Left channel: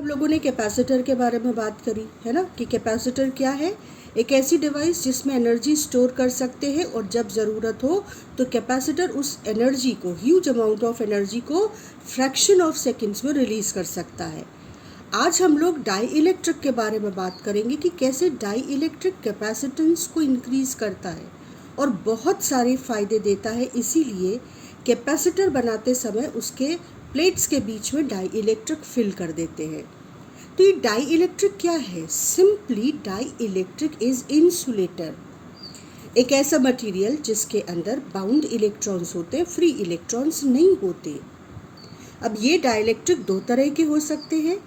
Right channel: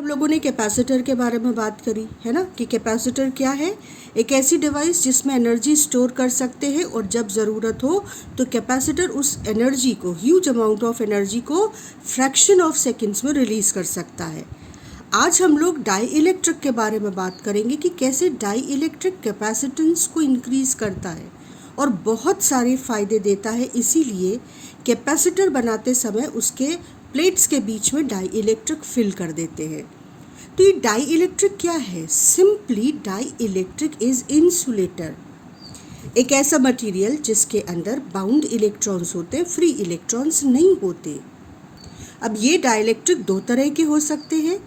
हम लोगों ने कैपेसिटर के बारे में बात करी है ना, कि कैपेसिटर क्या है। एक ऐसी डिवाइस जिसमें एनर्जी स्टोर कर सकते हैं और जब ज़रूरत हो तो कैपेसिटर उस एनर्जी को, ह्यूज अमाउंट ऑफ एनर्जी को फ्रैक्शन ऑफ सेकंड्स में रिलीज़ कर सकता है। आज हम लोग डाई इलेक्ट्रिक के बारे में बात करेंगे कि कैसे डाई इलेक्ट्रिक कैपेसिटेंस को इंक्रीज़ करता है और बहुत सारे फ़ायदे देता है। इसीलिए कैपेसिटर बनाते समय उसके प्लेट्स के बीच में डाई इलेक्ट्रिक फिल कर देते हैं। तो ये डाई इलेक्ट्रिक क्या है? Simply dielectric is insulator, एक ऐसा मटेरियल जिसके अंदर बाउंड इलेक्ट्रॉन्स होते हैं, फ्री इलेक्ट्रॉन्स नहीं होते। अब ये डाई इलेक्ट्रिक दो तरह के हो सकते हैं।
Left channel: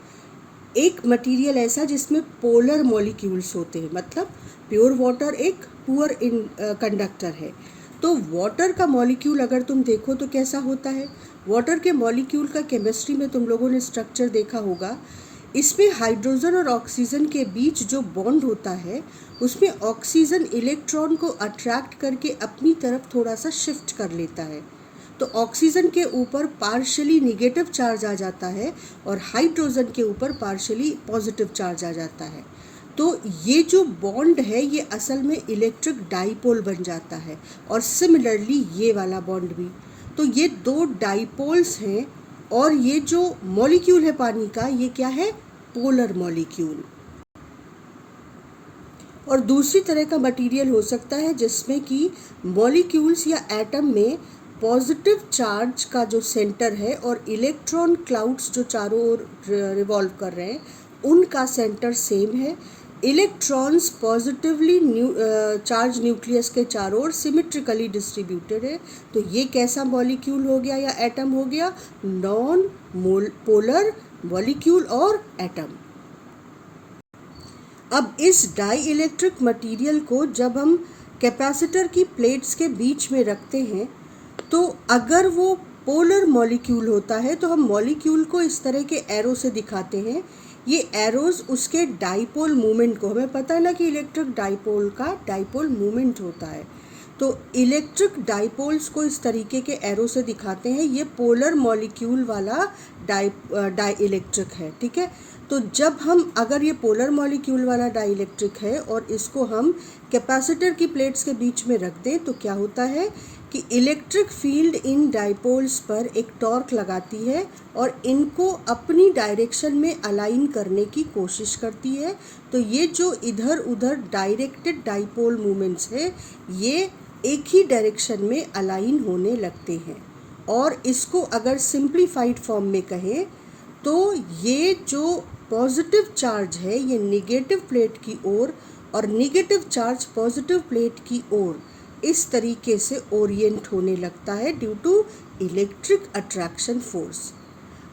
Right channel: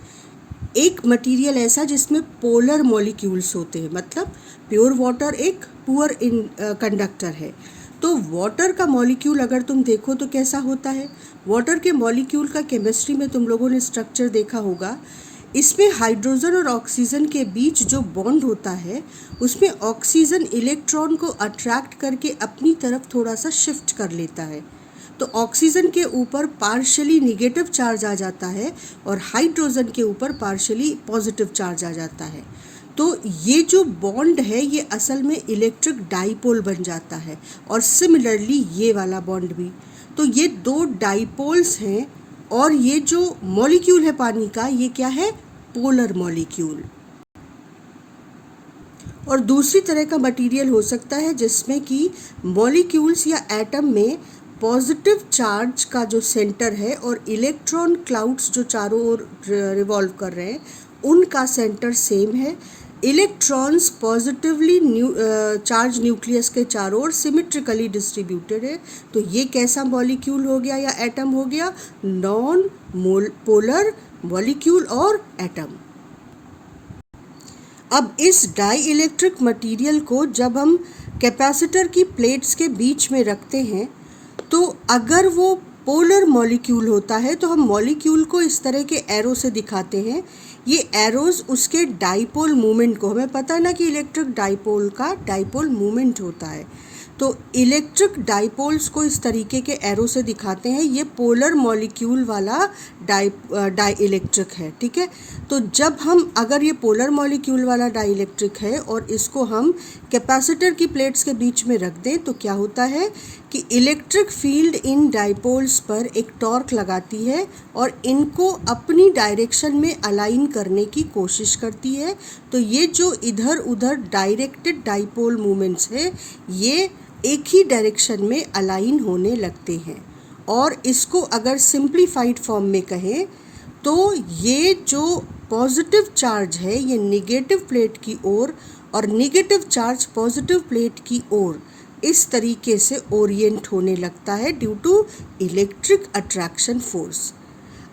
एक मटेरियल ऐसा जिसमें पोलर मॉलिक्यूल्स होते हैं, मतलब प्योर वाटर एक पुअर कंडक्टर है। तो वाटर का मॉलिक्यूल अगर तुम देखो तो कैसा होता है? वाटर के मॉलिक्यूल का केमिस्ट्री में तुम लोगों ने स्ट्रक्चर देखा होगा। इसमें हाइड्रोजन और ऑक्सीजन के बीच जो बॉन्ड होता है उसमें ऑक्सीजन इलेक्ट्रॉन को अट्रैक्ट करके अपनी तरफ थोड़ा सा शिफ्ट कर लेता है। तो ऑक्सीजन के ऊपर पार्शियली निगेटिव चार्ज आ जाता है और हाइड्रोजन के ऊपर पार्शियली पॉजिटिव चार्ज आ जाता है। तो ये जो बॉन्ड है ये असल में इलेक्ट्रिक डाइपोल बन जाता है। और सिमिलरली ये वाला बॉन्ड भी। तो ये दो डाइपोल्स हैं और ये जो मॉलिक्यूल है पानी का ये क्या है? Polar molecule. और दूसरी तरह का मटेरियल हो सकता है जिसमें कि मॉलिक्यूल्स या एटम में पॉजिटिव चार्ज का जो सेंटर है और इलेक्ट्रॉन क्लाउड्स जो चारों ओर रिवॉल्व कर रहे हैं उनका सेंटर सेम है। इलेक्ट्रॉन्स पॉजिटिवली चार्ज न्यूक्लियस के चारों ओर सिमेट्रिकली डिस्ट्रीब्यूटेड है। तो ये कैसा मॉलिक्यूल हो गया या एटम हो गया? नॉन पोलर मॉलिक्यूल और एटम। अब इस डाई इलेक्ट्रिक मटेरियल को जब हम कैपेसिटर की प्लेट्स के बीच में रखते हैं तो अगर वो पोलर मॉलिक्यूल होता है तो हम मॉलिक्यूल को इस तरह के एरो से दिखाते हैं। ये एरोज उसके डाइपोल मूवमेंट को, हमें पता है ना कि इलेक्ट्रिक डाइपोल का डाइपोल मूवमेंट होता है, तो इलेक्ट्रिक डाइपोल्स को इस तरीके के एरो से दिखाते हैं। ये पोलर मॉलिक्यूल वाला डाई इलेक्ट्रिक है, ठीक है। तो जब हम अगर ये पोलर मॉलिक्यूल वाला डाई इलेक्ट्रिक है और इसको हम कैपेसिटर की प्लेट्स के बीच में रख दें तो क्या होता है कि इलेक्ट्रिक फील्ड इन डाइपोल्स पर एक टॉर्क लगाती है और इनको अपनी डायरेक्शन में अलाइन करने की कोशिश करती है। तो ये जो इधर उधर डायरेक्टेड डाइपोल मूवमेंट्स है ये एक ही डायरेक्शन में अलाइन होने लगते हैं। और इसको अगर सिंप्लीफाइड फॉर्म में कहें तो ये जो पॉजिटिव चार्ज है ये नेगेटिव प्लेट की ओर और नेगेटिव चार्ज पॉजिटिव प्लेट की ओर इस तरीके से ओरिएंट होने लगता है due to electric attraction force.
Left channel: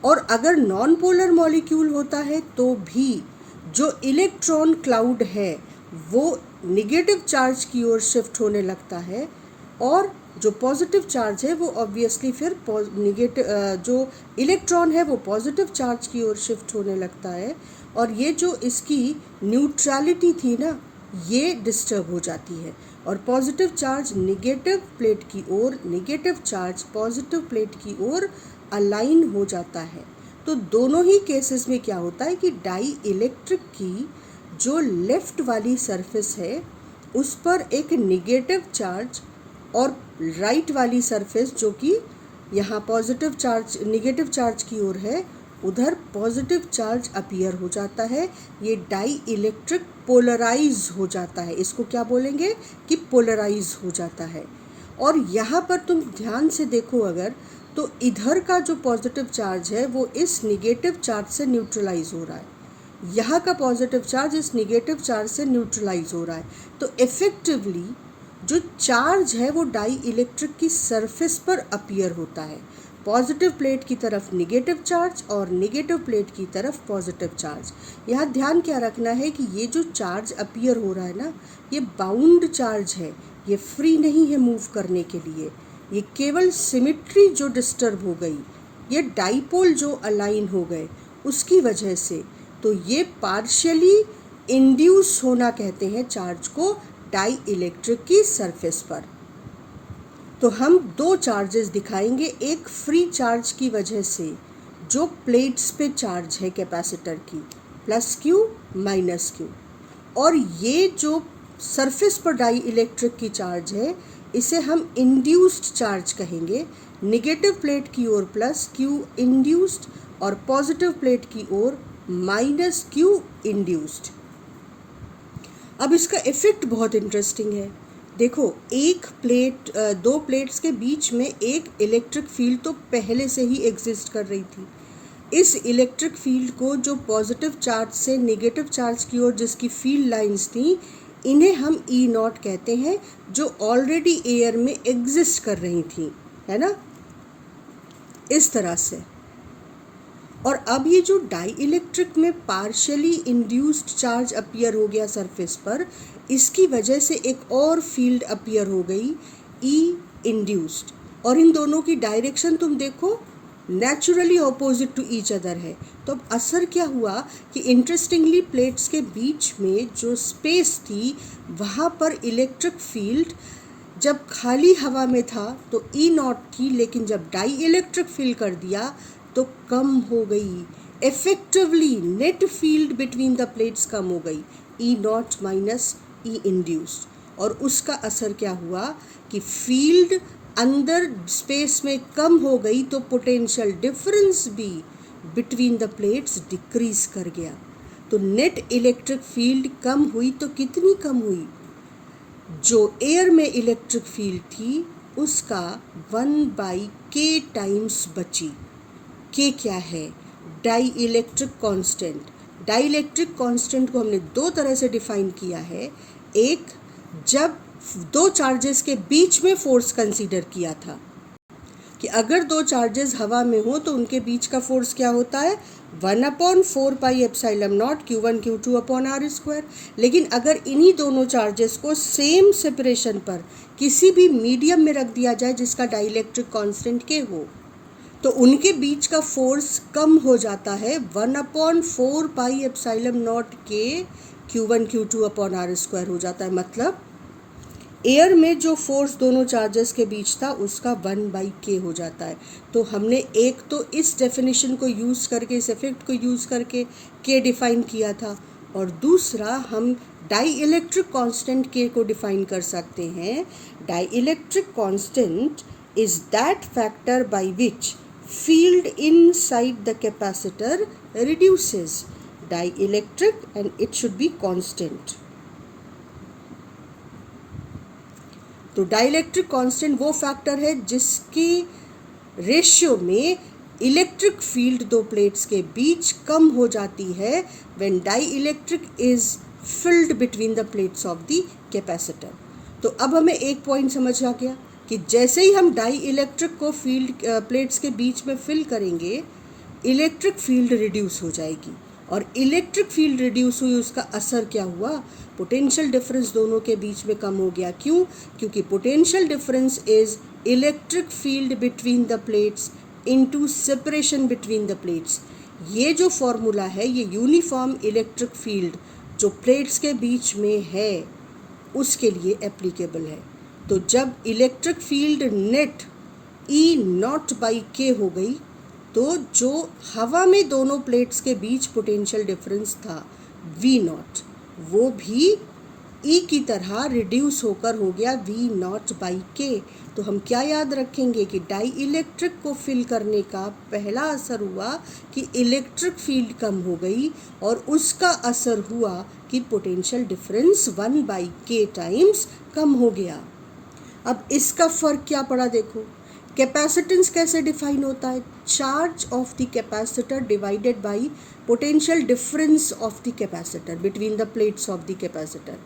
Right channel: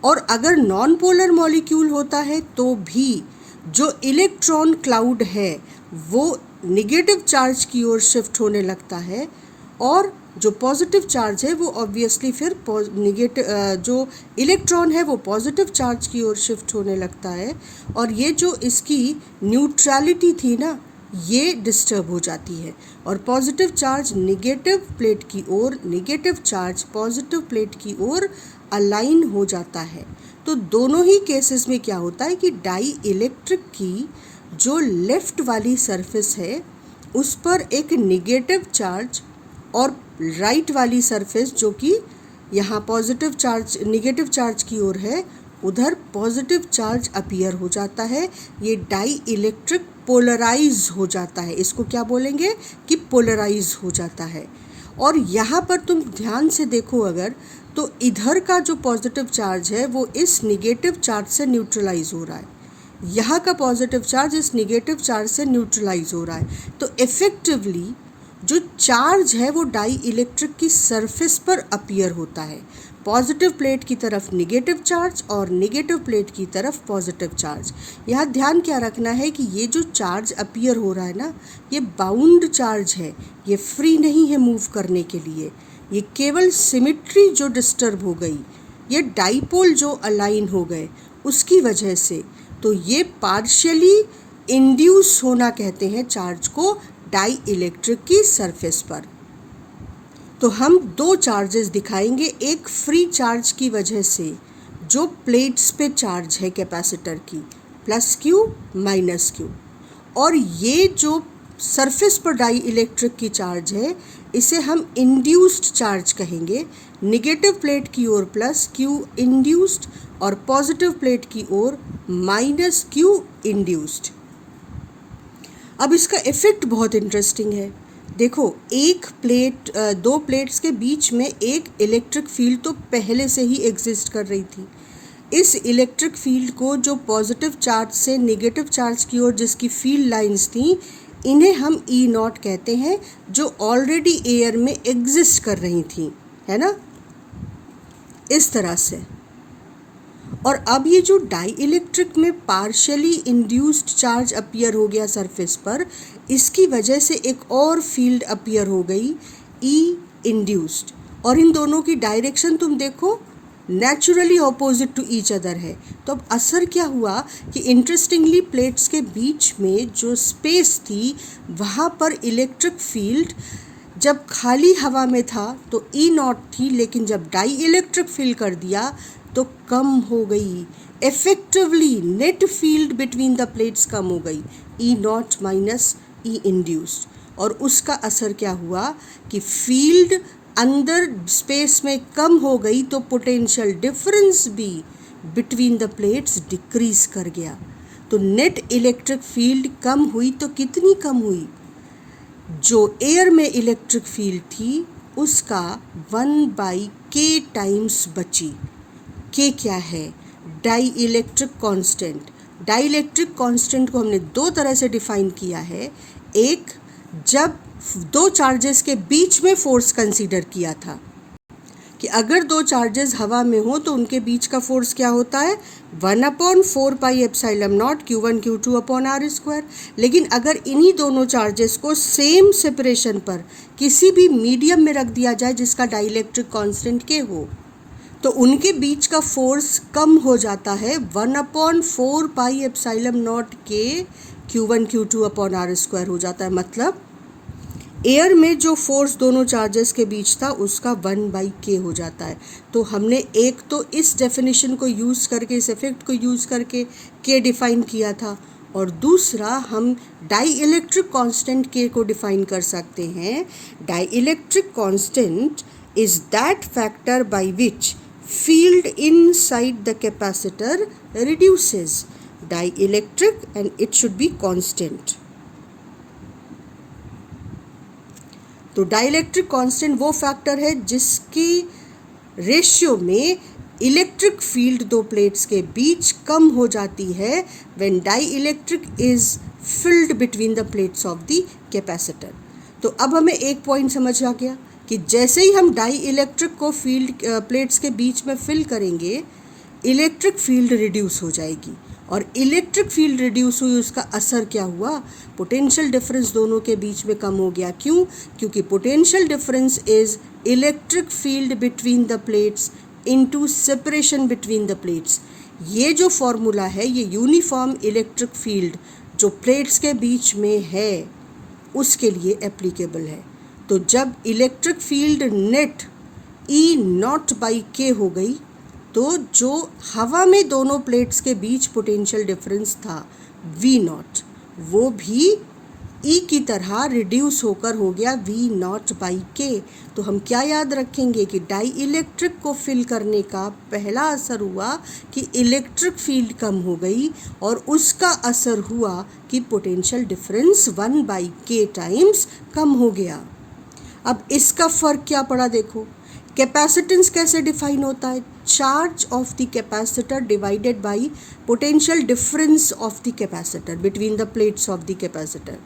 और अगर नॉन पोलर मॉलिक्यूल होता है तो भी जो इलेक्ट्रॉन क्लाउड है वो नेगेटिव चार्ज की ओर शिफ्ट होने लगता है और जो पॉजिटिव चार्ज है वो ऑब्वियसली फिर जो इलेक्ट्रॉन है वो पॉजिटिव चार्ज की ओर शिफ्ट होने लगता है और ये जो इसकी न्यूट्रलिटी थी ना ये डिस्टर्ब हो जाती है और पॉजिटिव चार्ज नेगेटिव प्लेट की ओर, नेगेटिव चार्ज पॉजिटिव प्लेट की ओर अलाइन हो जाता है। तो दोनों ही केसेस में क्या होता है कि डाई इलेक्ट्रिक की जो लेफ्ट वाली सरफेस है उस पर एक नेगेटिव चार्ज और राइट वाली सरफेस जो कि यहाँ पॉजिटिव चार्ज नेगेटिव चार्ज की ओर है उधर पॉजिटिव चार्ज अपीयर हो जाता है। ये डाई इलेक्ट्रिक पोलराइज हो जाता है। इसको क्या बोलेंगे कि पोलराइज हो जाता है। और यहाँ पर तुम ध्यान से देखो अगर तो इधर का जो पॉजिटिव चार्ज है वो इस नेगेटिव चार्ज से न्यूट्रलाइज हो रहा है, यहाँ का पॉजिटिव चार्ज इस नेगेटिव चार्ज से न्यूट्रलाइज हो रहा है। तो इफ़ेक्टिवली जो चार्ज है वो डाई इलेक्ट्रिक की सरफेस पर अपीयर होता है। पॉजिटिव प्लेट की तरफ नेगेटिव चार्ज और नेगेटिव प्लेट की तरफ पॉजिटिव चार्ज। यहाँ ध्यान क्या रखना है कि ये जो चार्ज अपीयर हो रहा है ना ये बाउंड चार्ज है, ये फ्री नहीं है मूव करने के लिए। ये केवल सिमेट्री जो डिस्टर्ब हो गई, ये डाइपोल जो अलाइन हो गए उसकी वजह से, तो ये पार्शियली इंड्यूस होना कहते हैं चार्ज को डाई इलेक्ट्रिक की सरफेस पर। तो हम दो चार्जेस दिखाएंगे। एक फ्री चार्ज की वजह से जो प्लेट्स पे चार्ज है कैपेसिटर की, प्लस क्यू माइनस क्यू, और ये जो सरफेस पर डाई इलेक्ट्रिक की चार्ज है इसे हम इंड्यूस्ड चार्ज कहेंगे। निगेटिव प्लेट की ओर प्लस क्यू इंड्यूस्ड और पॉजिटिव प्लेट की ओर माइनस क्यू इंड्यूस्ड। अब इसका इफेक्ट बहुत इंटरेस्टिंग है। देखो, दो प्लेट्स के बीच में एक इलेक्ट्रिक फील्ड तो पहले से ही एग्जिस्ट कर रही थी। इस इलेक्ट्रिक फील्ड को जो पॉजिटिव चार्ज से नेगेटिव चार्ज की ओर जिसकी फील्ड लाइंस थी, इन्हें हम ई नॉट कहते हैं, जो ऑलरेडी एयर में एग्जिस्ट कर रही थी, है ना, इस तरह से। और अब ये जो डाई इलेक्ट्रिक में पार्शियली इंड्यूस्ड चार्ज अपीयर हो गया सरफेस पर, इसकी वजह से एक और फील्ड अपीयर हो गई, ई इंड्यूस्ड, और इन दोनों की डायरेक्शन तुम देखो naturally opposite to each other है। तो अब असर क्या हुआ कि इंटरेस्टिंगली प्लेट्स के बीच में जो स्पेस थी वहाँ पर इलेक्ट्रिक फील्ड जब खाली हवा में था तो ई नॉट थी, लेकिन जब डाई इलेक्ट्रिक फील्ड कर दिया तो कम हो गई। Effectively net field between the plates कम हो गई, e naught minus e induced, और उसका असर क्या हुआ कि फील्ड अंदर स्पेस में कम हो गई तो पोटेंशियल डिफरेंस भी बिटवीन द प्लेट्स डिक्रीज कर गया। तो नेट इलेक्ट्रिक फील्ड कम हुई तो कितनी कम हुई? जो एयर में इलेक्ट्रिक फील्ड थी उसका 1/k टाइम्स बची। के क्या है? Dielectric constant. Dielectric constant को हमने दो तरह से डिफाइन किया है। एक, जब दो चार्जेस के बीच में फोर्स कंसीडर किया था कि अगर दो चार्जेस हवा में हो तो उनके बीच का फोर्स क्या होता है, 1/4πε0 Q1 Q2/r²। लेकिन अगर इन्हीं दोनों चार्जेस को सेम सेपरेशन पर किसी भी मीडियम में रख दिया जाए जिसका डाइलेक्ट्रिक कांस्टेंट के हो, तो उनके बीच का फोर्स कम हो जाता है, 1/4πε0 के Q1 Q2/r² हो जाता है। मतलब एयर में जो फोर्स दोनों चार्जेस के बीच था उसका 1/k हो जाता है। तो हमने एक तो इस डेफिनेशन को यूज़ करके, इस इफेक्ट को यूज़ करके k डिफाइन किया था, और दूसरा हम डाई इलेक्ट्रिक कांस्टेंट k को डिफाइन कर सकते हैं। Dielectric constant is that factor by which field inside the capacitor reduces. Dielectric, and it should be constant. तो डाइलेक्ट्रिक कांस्टेंट वो फैक्टर है जिसके रेशियो में इलेक्ट्रिक फील्ड दो प्लेट्स के बीच कम हो जाती है when dielectric is filled between the plates of the capacitor. तो अब हमें एक पॉइंट समझ आ गया कि जैसे ही हम डाई इलेक्ट्रिक को फील्ड प्लेट्स के बीच में फिल करेंगे, इलेक्ट्रिक फील्ड रिड्यूस हो जाएगी, और इलेक्ट्रिक फील्ड रिड्यूस हुई, उसका असर क्या हुआ, पोटेंशियल डिफरेंस दोनों के बीच में कम हो गया। क्यों? क्योंकि potential difference is electric field between the plates into separation between the plates. ये जो फॉर्मूला है ये यूनिफॉर्म इलेक्ट्रिक फील्ड जो प्लेट्स के बीच में है उसके लिए एप्लीकेबल है। तो जब इलेक्ट्रिक फील्ड नेट E0/k हो गई तो जो हवा में दोनों प्लेट्स के बीच पोटेंशियल डिफरेंस था V0, वो भी E की तरह रिड्यूस होकर हो गया V0/k। तो हम क्या याद रखेंगे कि डाई इलेक्ट्रिक को फिल करने का पहला असर हुआ कि इलेक्ट्रिक फील्ड कम हो गई, और उसका असर हुआ कि पोटेंशियल डिफरेंस 1/k टाइम्स कम हो गया। अब इसका फ़र्क क्या पड़ा देखो। कैपेसिटेंस कैसे डिफाइन होता है? Charge of the capacitor divided by potential difference of the capacitor between the plates of the capacitor.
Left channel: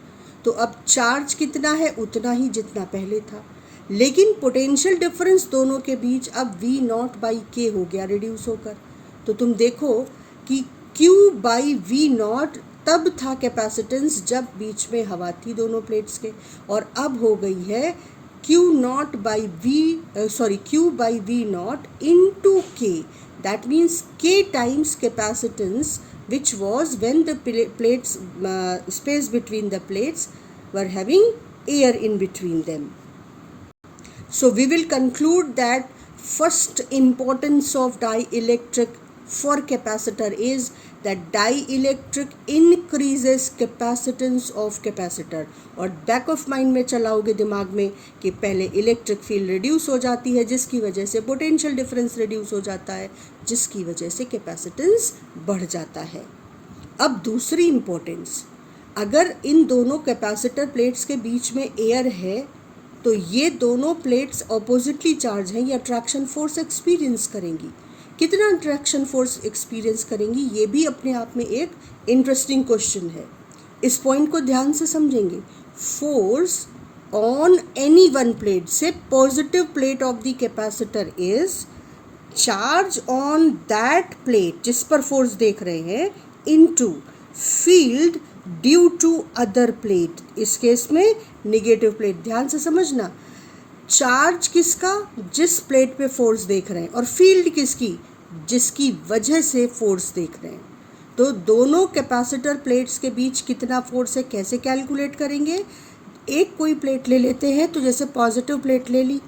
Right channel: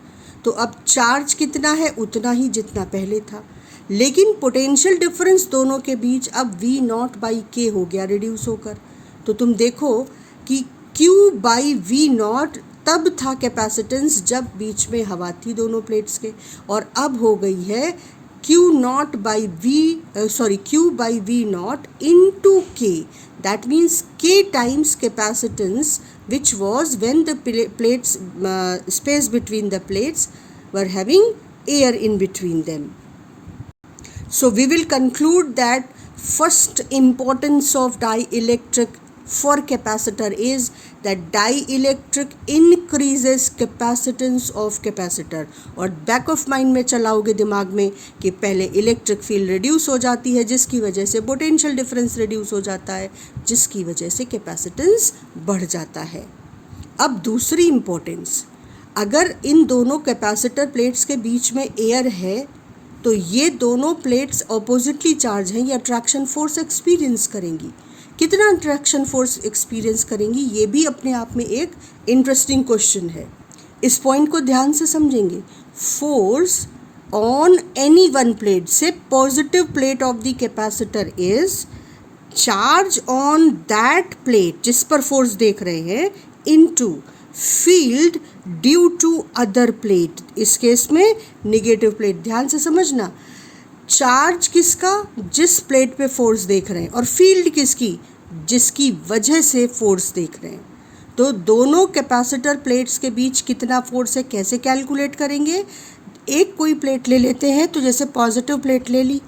तो अब चार्ज कितना है? उतना ही जितना पहले था, लेकिन पोटेंशियल डिफरेंस दोनों के बीच अब V0/k हो गया रिड्यूस होकर। तो तुम देखो कि Q/V0 तब था कैपेसिटेंस जब बीच में हवा थी दोनों प्लेट्स के, और अब हो गई है Q/V0 into k. That means k times capacitance, which was when the plates space between the plates were having air in between them. So we will conclude that first importance of dielectric for capacitor is that dielectric increases capacitance of capacitor. और back of mind में चलाओगे दिमाग में कि पहले electric field reduce हो जाती है जिसकी वजह से पोटेंशियल डिफरेंस रिड्यूस हो जाता है जिसकी वजह से कैपेसिटेंस बढ़ जाता है. अब दूसरी इम्पोर्टेंस, अगर इन दोनों कैपेसिटर प्लेट्स के बीच में एयर है तो ये दोनों प्लेट्स ऑपोजिटली चार्ज हैं, ये अट्रैक्शन फोर्स एक्सपीरियंस करेंगी. कितना अट्रैक्शन फोर्स एक्सपीरियंस करेंगी ये भी अपने आप में एक इंटरेस्टिंग क्वेश्चन है. इस पॉइंट को ध्यान से समझेंगे. Force on any one plate, say positive plate of the capacitor is charge on that plate जिस पर फोर्स देख रहे हैं into field due to other plate. इस केस में निगेटिव प्लेट. ध्यान से समझना, चार्ज किसका? जिस प्लेट पे फोर्स देख रहे हैं, और फील्ड किसकी? जिसकी वजह से फोर्स देख रहे हैं. तो दोनों कैपेसिटर प्लेट्स के बीच कितना फोर्स है कैसे कैलकुलेट करेंगे? एक कोई प्लेट ले लेते हैं, तो जैसे पॉजिटिव प्लेट ले ली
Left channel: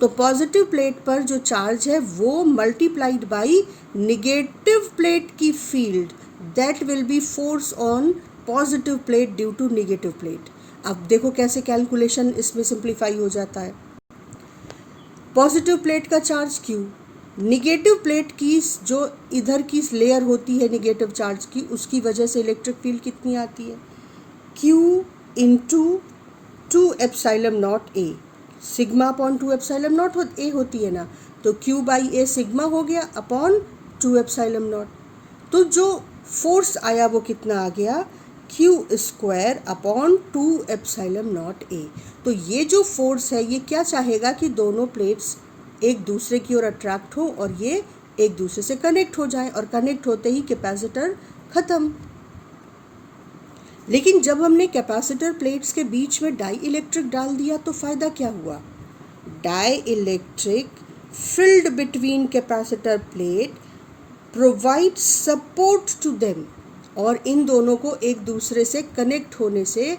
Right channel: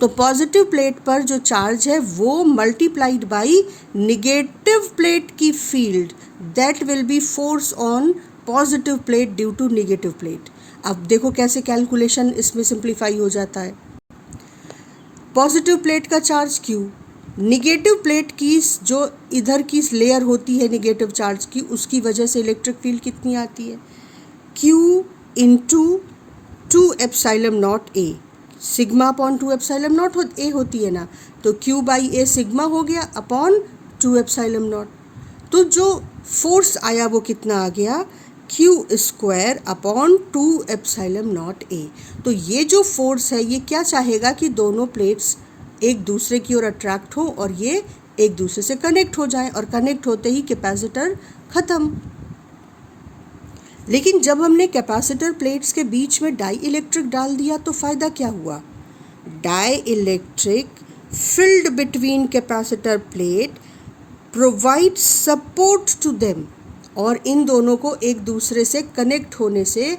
तो पॉजिटिव प्लेट पर जो चार्ज है वो मल्टीप्लाइड बाई निगेटिव प्लेट की field, that will be force on positive plate due to negative plate. अब देखो कैसे कैलकुलेशन इसमें सिंप्लीफाई हो जाता है. पॉजिटिव प्लेट का चार्ज Q, निगेटिव प्लेट की जो इधर की लेयर होती है निगेटिव चार्ज की, उसकी वजह से इलेक्ट्रिक फील्ड कितनी आती है? Q into 2 epsilon naught A. Sigma upon 2 epsilon naught A होती है ना, तो Q बाई A सिग्मा हो गया अपॉन 2 एप्सिलॉन नॉट. तो जो फोर्स आया वो कितना आ गया? Q square upon 2 epsilon naught A. तो ये जो फोर्स है ये क्या चाहेगा कि दोनों प्लेट्स एक दूसरे की ओर अट्रैक्ट हो और ये एक दूसरे से कनेक्ट हो जाए, और कनेक्ट होते ही कैपेसिटर ख़त्म. लेकिन जब हमने कैपेसिटर प्लेट्स के बीच में डाई इलेक्ट्रिक डाल दिया तो फ़ायदा क्या हुआ? Dielectric field between capacitor plate provide support to them, और इन दोनों को एक दूसरे से कनेक्ट होने से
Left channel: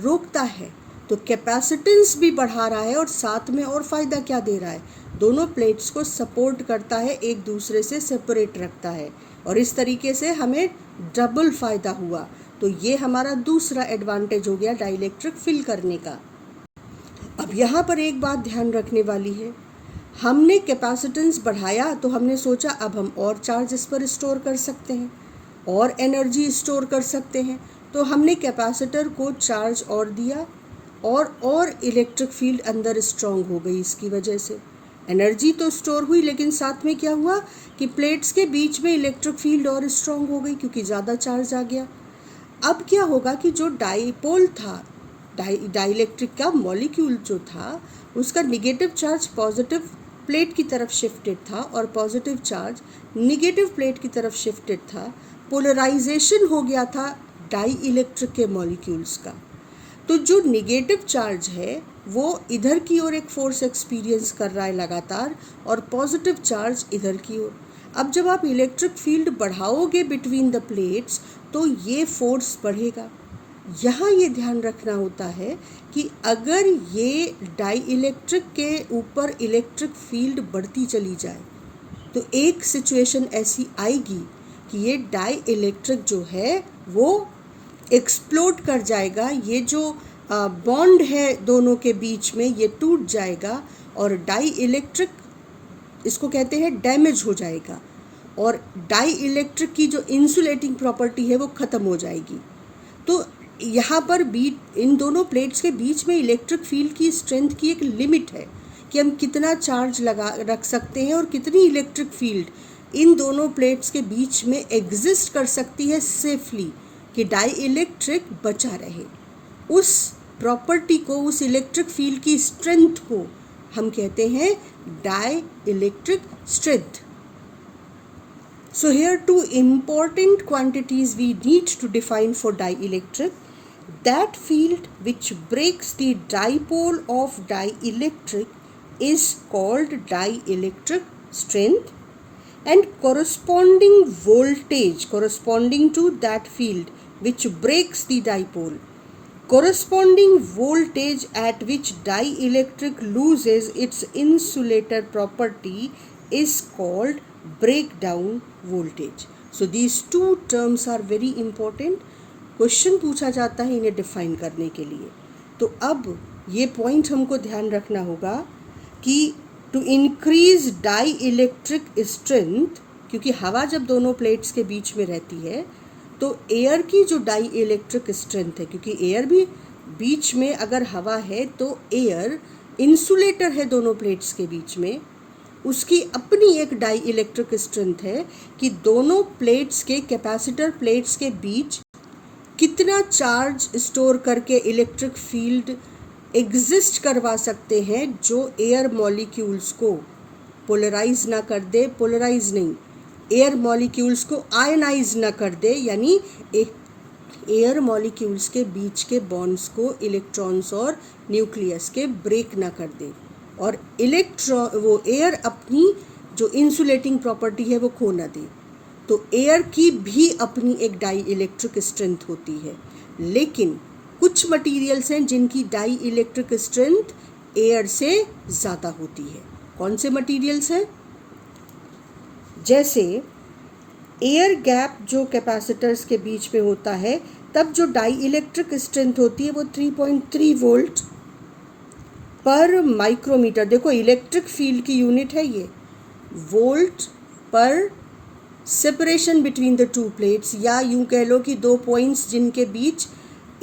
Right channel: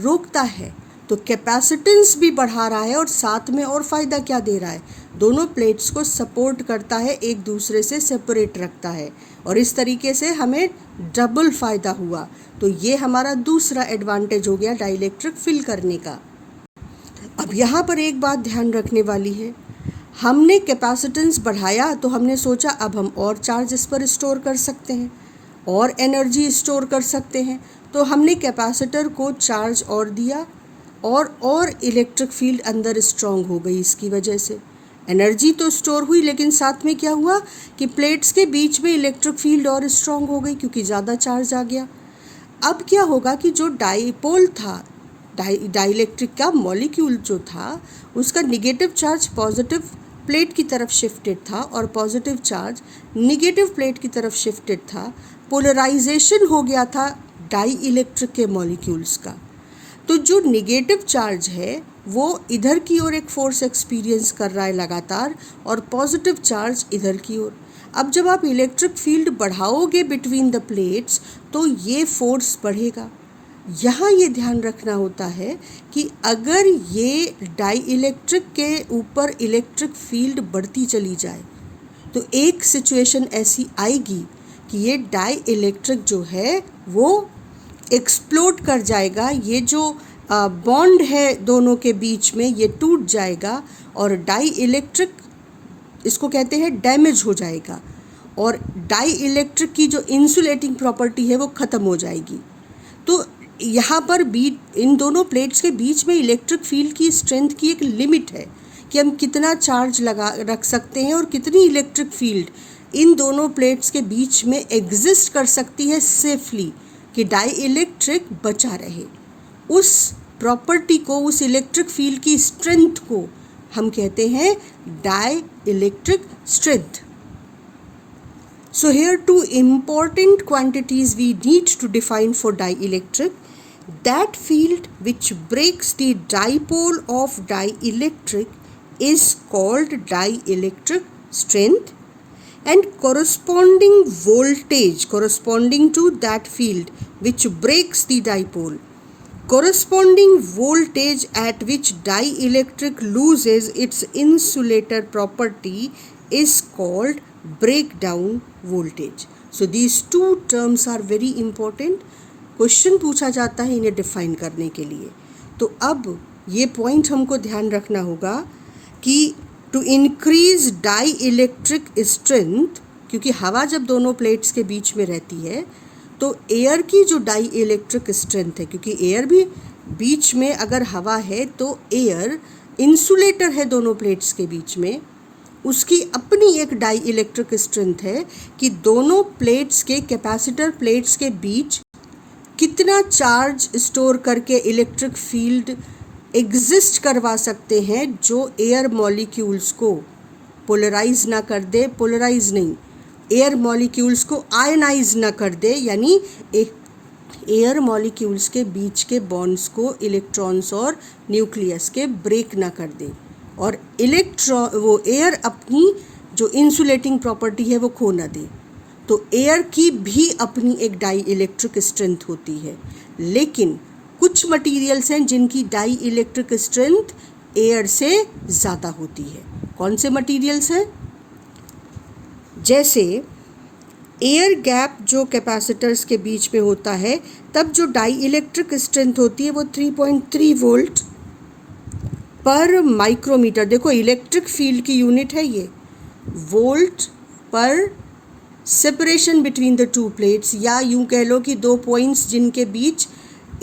रोकता है. तो कैपेसिटेंस भी बढ़ा रहा है और साथ में और फ़ायदा क्या दे रहा है? दोनों प्लेट्स को सपोर्ट करता है, एक दूसरे से सेपरेट रखता है, और इस तरीके से हमें डबल फ़ायदा हुआ. तो ये हमारा दूसरा एडवांटेज हो गया डाइलेक्ट्रिक फिल करने का. अब यहाँ पर एक बात ध्यान रखने वाली है, हमने कैपेसिटेंस बढ़ाया तो हमने सोचा अब हम और चार्ज इस पर स्टोर कर सकते हैं और एनर्जी स्टोर कर सकते हैं. तो हमने कैपेसिटर को चार्ज और दिया और इलेक्ट्रिक फील्ड अंदर स्ट्रॉन्ग हो गई. इसकी वजह से एनर्जी तो स्टोर हुई, लेकिन साथ में क्या हुआ कि प्लेट्स के बीच में इलेक्ट्रिक फील्ड और स्ट्रॉन्ग हो गई क्योंकि ज़्यादा चार्ज आ गया. अब क्या होगा कि जो डाईपोल था, डाइलेक्ट्रिक का मॉलिक्यूल जो था, उसका निगेटिव चार्ज पॉजिटिव प्लेट की तरफ शिफ्टेड था और पॉजिटिव चार्ज निगेटिव प्लेट की तरफ शिफ्टेड था. पोलराइजेशन हो गया था डाई इलेक्ट्रिक के मॉलिक्यूल्स का. तो जो निगेटिव चार्ज है वो इधर की ओर एक फोर्स एक्सपीरियंस कर रहा है लगातार, और पॉजिटिव चार्ज इधर की ओर. अब जब आप इलेक्ट्रिक फील्ड बढ़ाओगे बिटवीन द प्लेट्स तो ये फोर्स बढ़ेगा. यहाँ ये ध्यान रखना होता है कि अगर ये डाई इलेक्ट्रिक के ऊपर इलेक्ट्रिक फील्ड बढ़ती चली जाए तो एक सिचुएशन ऐसी आएगी कि ये डाई इलेक्ट्रिक जो है वो एक्सप्लोड कर जाएगा. ये जो बॉन्ड है दोनों के बीच में ये टूट जाएगा और डाई इलेक्ट्रिक, इसको कहते हैं डैमेज हो जाएगा, और डाई इलेक्ट्रिक की जो इंसुलेटिंग प्रॉपर्टी है वो ख़त्म हो जाएगी. तो यहाँ पर इन दोनों प्लेट्स के बीच में इलेक्ट्रिक फील्ड की स्ट्रेंथ की एक लिमिट है कि हम कितना चार्ज रख सकते हैं और कितनी इलेक्ट्रिक फील्ड इन दोनों प्लेट्स के बीच में एग्जिस्ट कर सकती है सेफली, कि डाई इलेक्ट्रिक बचा रहे. उस प्रॉपर्टी को, उस इलेक्ट्रिक फील्ड की स्ट्रेंथ को हम कहते हैं dielectric strength. So here two important quantities we need to define for dielectric. That field which breaks the dipole of dielectric is called dielectric strength, and corresponding voltage corresponding to that field which breaks the dipole, corresponding voltage at which dielectric loses its insulator property is called break down voltage. So these two terms are very important. Question पूछा जाता है इन्हें define करने के लिए. तो अब ये पॉइंट हमको ध्यान रखना होगा कि to increase dielectric strength, क्योंकि हवा जब दोनों प्लेट्स के बीच में रहती है तो एयर की जो डाई इलेक्ट्रिक स्ट्रेंथ है, क्योंकि एयर भी बीच में अगर हवा है तो एयर इंसुलेटर है दोनों प्लेट्स के बीच में, उसकी अपनी एक डाई इलेक्ट्रिक स्ट्रेंथ है कि दोनों प्लेट्स के कैपेसिटर प्लेट्स के बीच कितना चार्ज स्टोर करके इलेक्ट्रिक फील्ड एग्जिस्ट करवा सकते हैं जो एयर मॉलिक्यूल्स को पोलराइज ना कर दे, पोलराइज नहीं, एयर मॉलिक्यूल्स को आयनाइज ना कर दे, यानी एयर मॉलिक्यूल्स के बीच के बॉन्ड्स को इलेक्ट्रॉन्स और न्यूक्लियस के ब्रेक ना कर दे, और वो एयर अपनी जो इंसुलेटिंग प्रॉपर्टी है वो खो ना दे. तो एयर की भी अपनी एक डाई इलेक्ट्रिक स्ट्रेंथ होती है, लेकिन कुछ मटेरियल्स हैं जिनकी डाई इलेक्ट्रिक स्ट्रेंथ एयर से ज़्यादा होती है. कौन से मटेरियल्स हैं? जैसे एयर गैप जो कैपेसिटर्स के बीच में होता है, तब जो डाई इलेक्ट्रिक स्ट्रेंथ होती है वो 3.3 वोल्ट पर माइक्रोमीटर. देखो इलेक्ट्रिक फील्ड की यूनिट है ये, वोल्ट पर separation between the two plates, या यूं कह लो कि दो पॉइंट्स जिनके बीच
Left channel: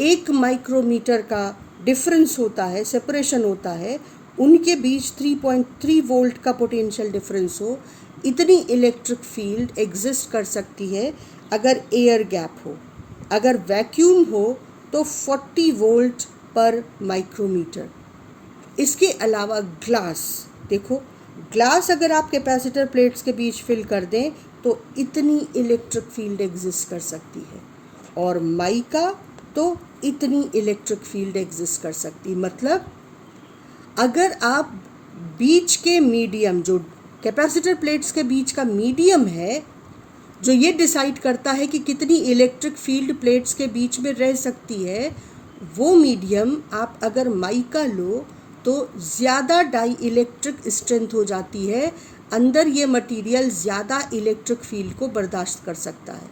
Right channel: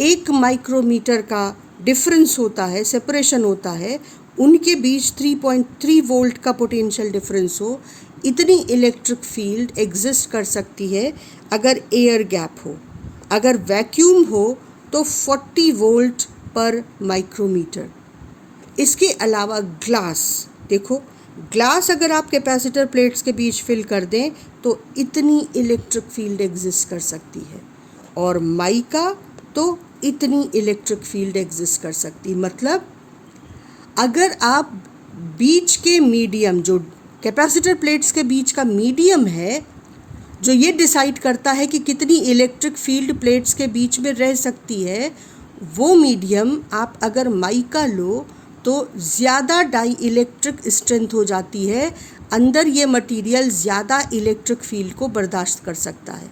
1 माइक्रोमीटर का डिफरेंस होता है, सेपरेशन होता है, उनके बीच 3.3 वोल्ट का पोटेंशियल डिफरेंस हो, इतनी इलेक्ट्रिक फील्ड एग्जिस्ट कर सकती है अगर एयर गैप हो. अगर वैक्यूम हो तो 40 वोल्ट पर माइक्रोमीटर. इसके अलावा ग्लास, देखो ग्लास अगर आप कैपेसिटर प्लेट्स के बीच फिल कर दें तो इतनी इलेक्ट्रिक फील्ड एग्जिस्ट कर सकती है, और माइका तो इतनी इलेक्ट्रिक फील्ड एग्जिस्ट कर सकती. मतलब अगर आप बीच के मीडियम, जो कैपेसिटर प्लेट्स के बीच का मीडियम है, जो ये डिसाइड करता है कि कितनी इलेक्ट्रिक फील्ड प्लेट्स के बीच में रह सकती है, वो मीडियम आप अगर माइका लो तो ज़्यादा डाई इलेक्ट्रिक स्ट्रेंथ हो जाती है, अंदर ये मटेरियल ज़्यादा इलेक्ट्रिक फील्ड को बर्दाश्त कर सकता है.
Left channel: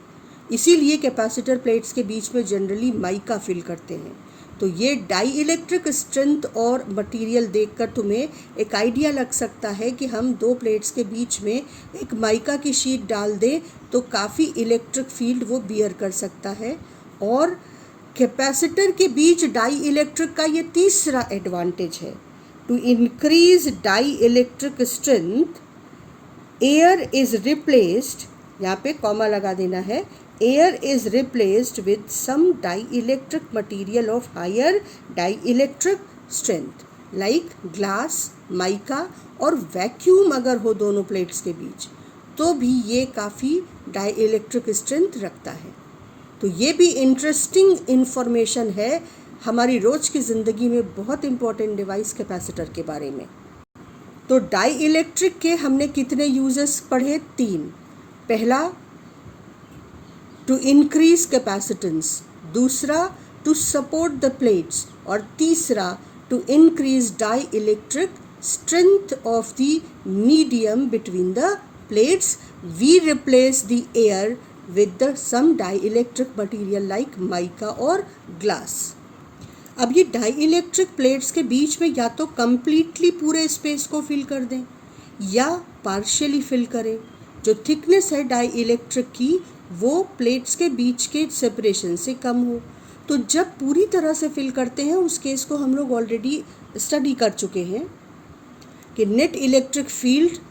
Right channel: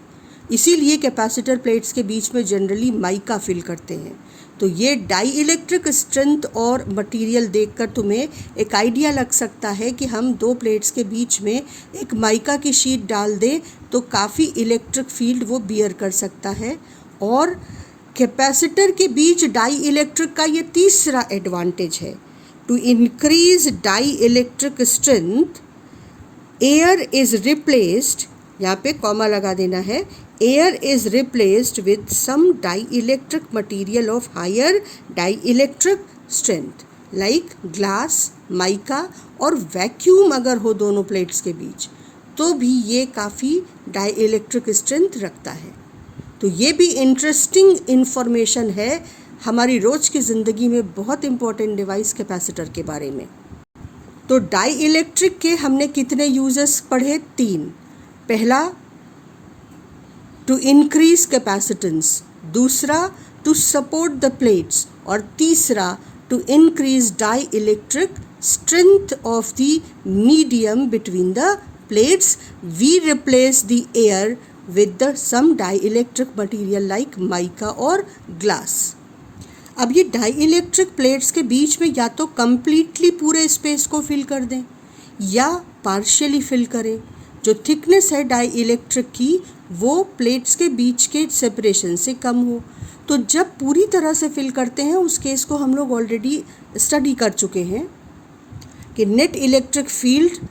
इसीलिए कैपेसिटर प्लेट्स के बीच में जनरली माइका फिल करते हैं. तो ये डाई इलेक्ट्रिक स्ट्रेंथ और मटेरियल देखकर तुम्हें एक आइडिया लग सकता है कि हम दो प्लेट्स के बीच में एक माइका की शीट डाल दें तो काफ़ी इलेक्ट्रिक फील्ड वो बियर कर सकता है. और कैपेसिटर के बीच डाई इलेक्ट्रिक का ये तीसरा एडवांटेज है. To increase dielectric strength air is replaced, यहाँ पे कॉमा लगा देना है, air is replaced with some dielectric material of higher dielectric strength like glass, mica और वैक्यूम. अगर हो दोनों प्लेट्स के बीच तो भी ये काफ़ी डाई इलेक्ट्रिक स्ट्रेंथ रखता है. तो ये भी इंटरेस्टिंग इन्फॉर्मेशन है हमारी रोज़ की ज़िंदगी में बहुत इम्पोर्टेंट डिवाइस कैपेसिटर के बारे में. तो डाई इलेक्ट्रिक के हमने कितने यूजेस पढ़े? 3. पहला टू इंक्रीज कैपेसिटेंस, दूसरा टू सपोर्ट द प्लेट्स, और तीसरा to increase dielectric strength of the medium between the plates. We replace the air with the some dielectric material like mica और glass. अब ये dielectric plates के बीच में या तो कम्प्लीटली पूरे स्पेस को फिल कर दें या पार्शियली फिल करें. जो थिकनेस है डाईइलेक्ट्रिक की वो प्लेट्स के बीच के सेपरेशन से कम हो. तो जब पूरी तरह से फिल करते हैं उस केस को हम लोग ऑलरेडी स्टडी कर चुके हैं कि नेट इलेक्ट्रिक फील्ड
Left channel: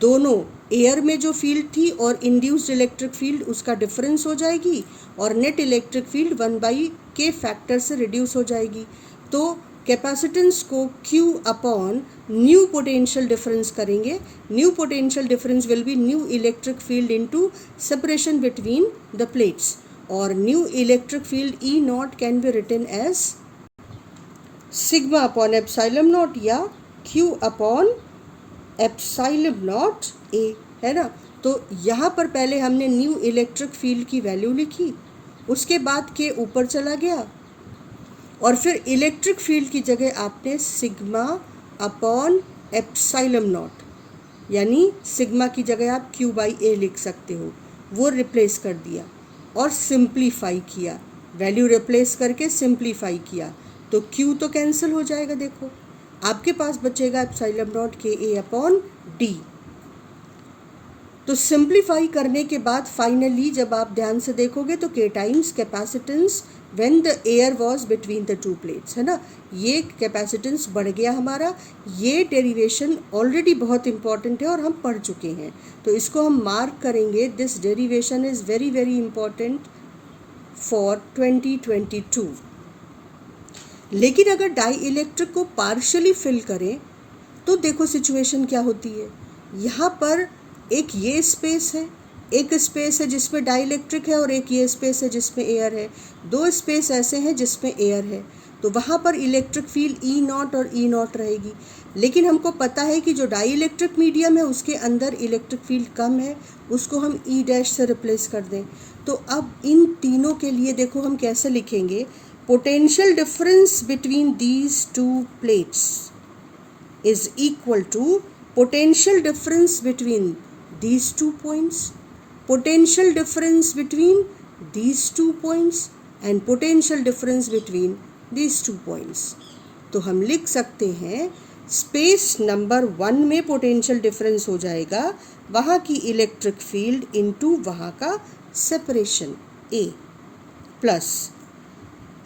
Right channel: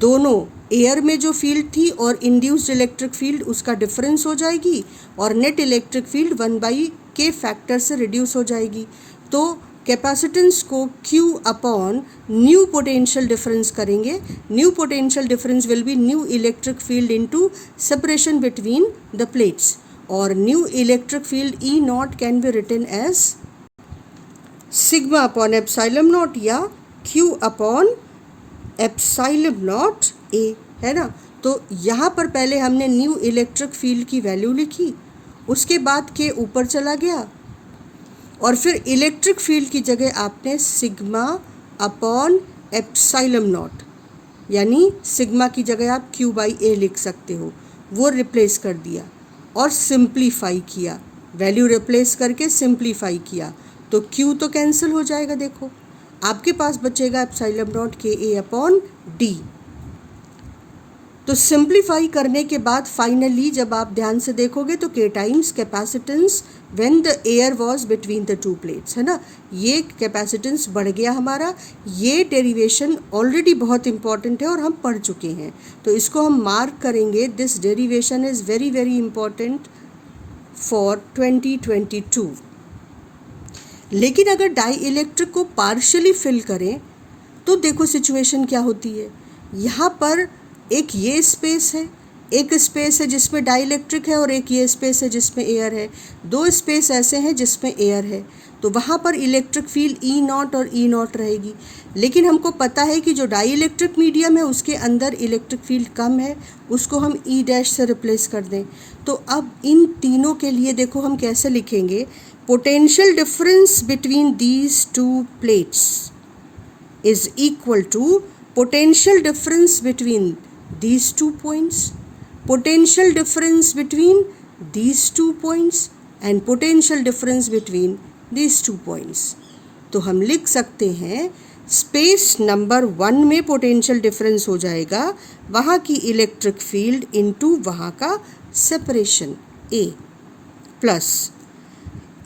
दोनों एयर में जो फील्ड थी और इंड्यूस्ड इलेक्ट्रिक फील्ड उसका डिफरेंस हो जाएगी, और net electric field 1/k factor से रिड्यूस हो जाएगी. तो कैपेसिटेंस को Q upon new potential difference करेंगे. New potential difference will be new electric field into separation between the plates, और new electric field E0 can be written as sigma upon epsilon naught या Q upon epsilon naught A, है ना. तो यहाँ पर पहले हमने न्यू इलेक्ट्रिक फील्ड की वैल्यू लिखी, उसके बाद K ऊपर चला गया, और फिर इलेक्ट्रिक फील्ड की जगह आपने सिग्मा अपॉन एप्सिलॉन नॉट यानी सिग्मा की जगह आप क्यू बाई ए लिख सकते हो, वो रिप्लेस कर दिया और सिंप्लीफाई किया, वैल्यू रिप्लेस करके सिंप्लीफाई किया तो क्यू तो कैंसिल हो जाएगा। देखो आपके पास बचेगा एप्सिलॉन नॉट के ए अपॉन डी। तो सिंप्लीफाई करने के बाद फाइनली जब आप ध्यान से देखोगे तो के times capacitance when the air was between the two plates, है ना, ये कैपेसिटेंस बढ़ गया हमारा। ये डेरिवेशन ऑलरेडी बहुत इंपॉर्टेंट है और हम पढ़ चुके हैं, तो इसको हम मार्क करेंगे। This derivation is very very important for 2022। लेकिन अगर डाई इलेक्ट्रिक को पार्शियली फिल करें तो देखो सिचुएशन क्या होती है। यहाँ पर एक ये स्पेस है, एक स्पेस है जिसमें डाई इलेक्ट्रिक है और एक ये स्पेस है जिसमें एयर है। दो स्पेस ऐसे हैं जिसमें एयर है, तो वहाँ पर इलेक्ट्रिक फील्ड ई नॉट और ई नॉट रहेगी। लेकिन हमको पता है कि जो डाई इलेक्ट्रिक मीडियम है उसके अंदर इलेक्ट्रिक फील्ड कम है, उसको हम ई डैश से रिप्लेस कर दें। तो अब इन तीनों के लिए देखो हम कैसे लिखेंगे। Potential difference between these two plates is equal to potential difference between these 2 points, potential difference between these 2 points and potential difference between these 2 points। तो हम लिख सकते हैं स्पेस नंबर 1 में पोटेंशियल डिफरेंस हो जाएगा वहाँ की इलेक्ट्रिक फील्ड इनटू वहाँ का सेपरेशन ए, प्लस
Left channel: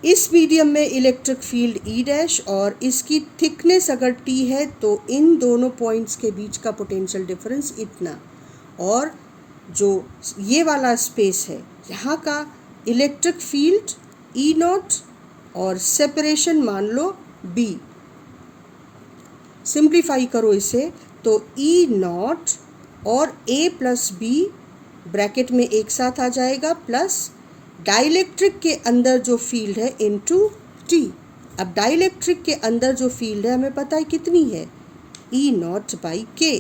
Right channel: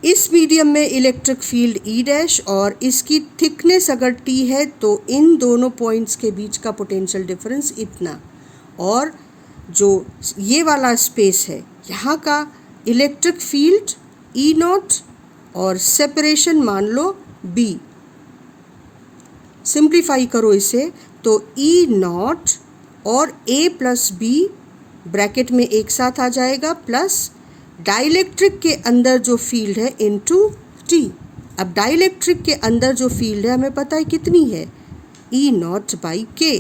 इस मीडियम में इलेक्ट्रिक फील्ड ई डैश और इसकी थिकनेस अगर टी है तो इन दोनों पॉइंट्स के बीच का पोटेंशियल डिफरेंस इतना, और जो ये वाला स्पेस है यहाँ का इलेक्ट्रिक फील्ड ई नॉट और सेपरेशन मान लो बी। सिंप्लीफाई करो इसे तो ई नॉट और ए प्लस बी ब्रैकेट में एक साथ आ जाएगा, प्लस डाइलेक्ट्रिक के अंदर जो फील्ड है इनटू टी। अब डाइलेक्ट्रिक के अंदर जो फील्ड है हमें पता है कितनी है, ई नॉट बाई के,